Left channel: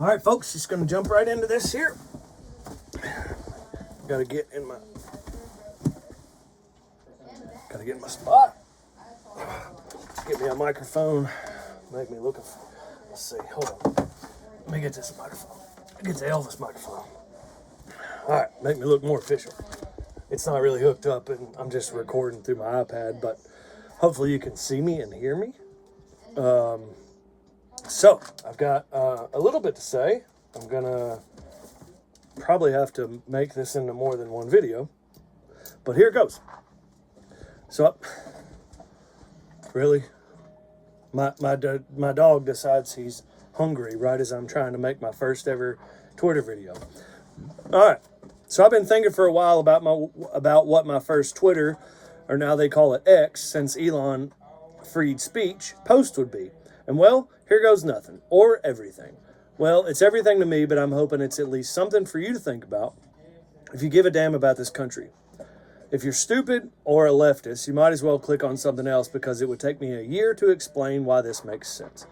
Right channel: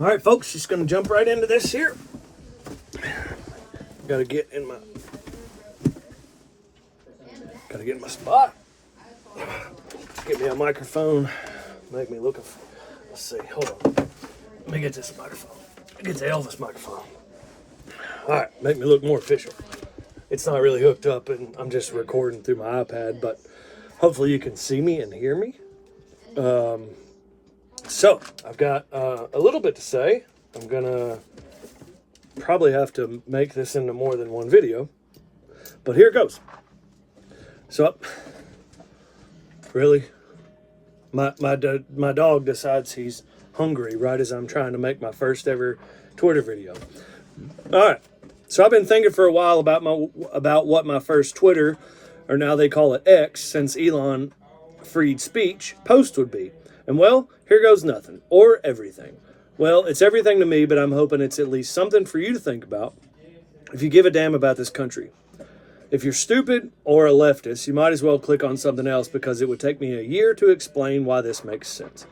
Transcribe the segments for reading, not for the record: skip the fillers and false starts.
All right, folks, just going to jump right into this here. Got to get in my spot. Get me a microphone. Make me look. Let's see. Hold on. Let me get this microphone. Get the Elvis microphone. All right, make me look more official. It's not really hooked up, and I'm just recording through my iPad, but hopefully you can see me and hear me. So I've got a little bit to say. I'm gonna probably have to make this into more than one video, but here it goes. So, really, my dog decides he's hungry right as I'm trying to make my first ever Twitter video. All right, so I've been thinking for a while about what my first Twitter, or now they call it X, since Elon freed speech, post would be. And well, here goes nothing, or everything. Well, it's everything to me, but I'm hoping it's at least something for you to think about if you give a damn about this country. If you're stupid or a leftist, you might as well click on something else, because it would take me a year to explain why this makes sense.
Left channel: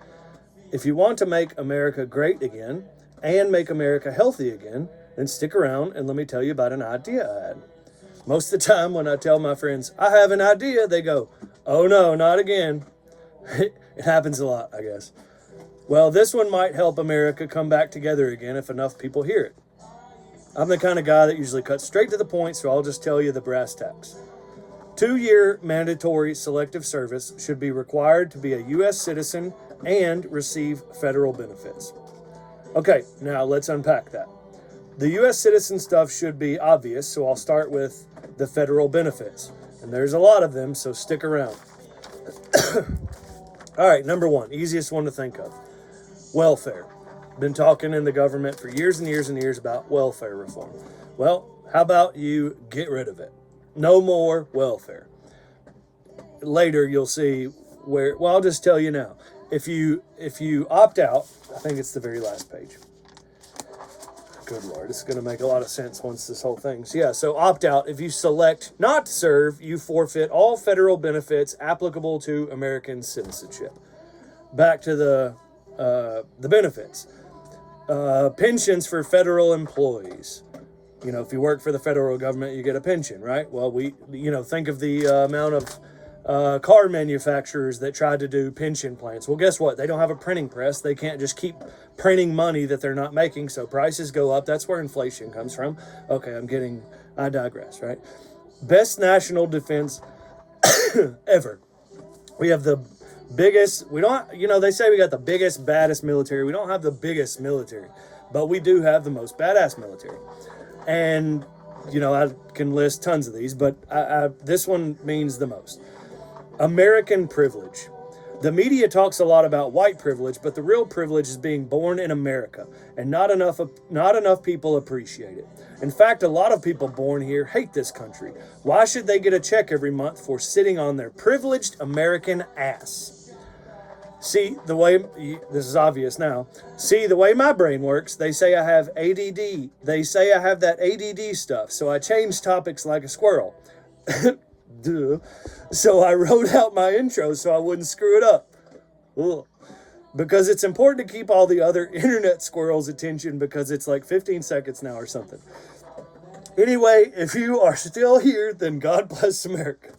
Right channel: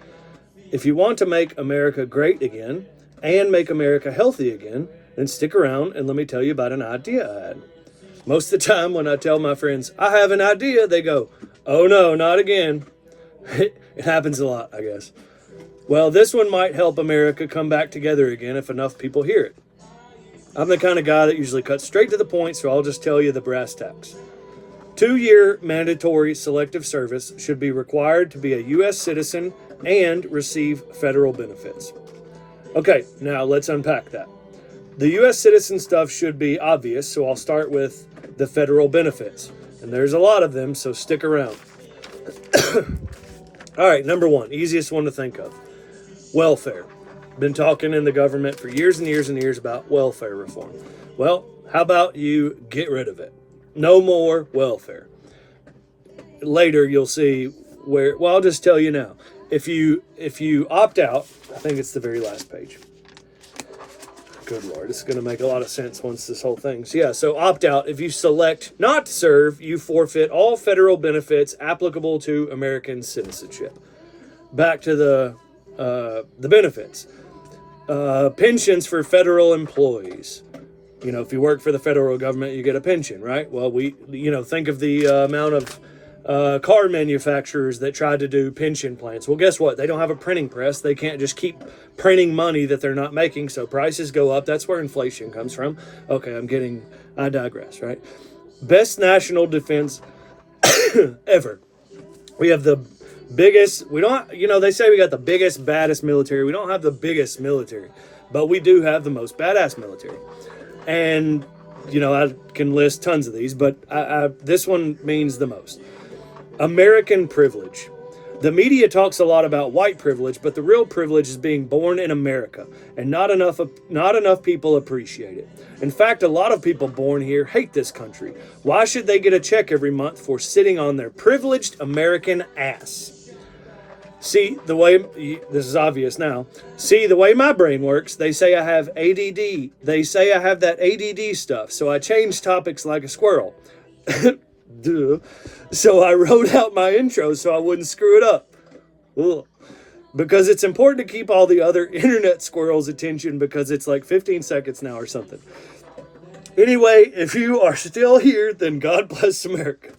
If you want to make America great again and make America healthy again, then stick around and let me tell you about an idea I had. Most of the time when I tell my friends, I have an idea, they go, oh no, not again. It happens a lot, I guess. Well, this one might help America come back together again if enough people hear it. I'm the kind of guy that usually cuts straight to the point, so I'll just tell you the brass tacks. 2-year mandatory selective service should be required to be a U.S. citizen and receive federal benefits. Okay, now let's unpack that. The U.S. citizen stuff should be obvious, so I'll start with the federal benefits. And there's a lot of them, so stick around. All right, number one, easiest one to think of. Welfare. Been talking in the government for years and years and years about welfare reform. Well, how about you get rid of it? No more welfare. Later, you'll see where, well, I'll just tell you now. If you opt out, I think it's the very last page. Good Lord, this is going to make a lot of sense once this whole thing's, yeah, so opt out. If you select not to serve, you forfeit all federal benefits applicable to American citizenship. Back to the benefits. Pensions for federal employees. You know, if you work for the federal government, you get a pension, right? Well, think of the amount of car manufacturers that tried to do pension plans. Well, guess what? They don't have a printing press. They can't just keep printing money that they're not making, so prices go up. That's where inflation comes from. Okay, I digress, right? Best national defense ever. We have the biggest, they say we got the biggest, baddest military. We don't have the biggest military, but we do have the most badass military. And, I can list tons of these, but this one means the most. American privilege. The media talks a lot about white privilege, but the real privilege is being born in America, and not enough people appreciate it. In fact, a lot of people born here hate this country. Why should they get a check every month for sitting on their privileged American ass? See, this is obvious now. See, the way my brain works, they say I have ADD. They say I have that ADD stuff, so I change topics like a squirrel. Duh. So I wrote out my intro so I wouldn't screw it up. Ugh. Because it's important to keep all the other internet squirrels' attention, because it's like 15 seconds now or something. Anyway, if you are still here, then God bless America.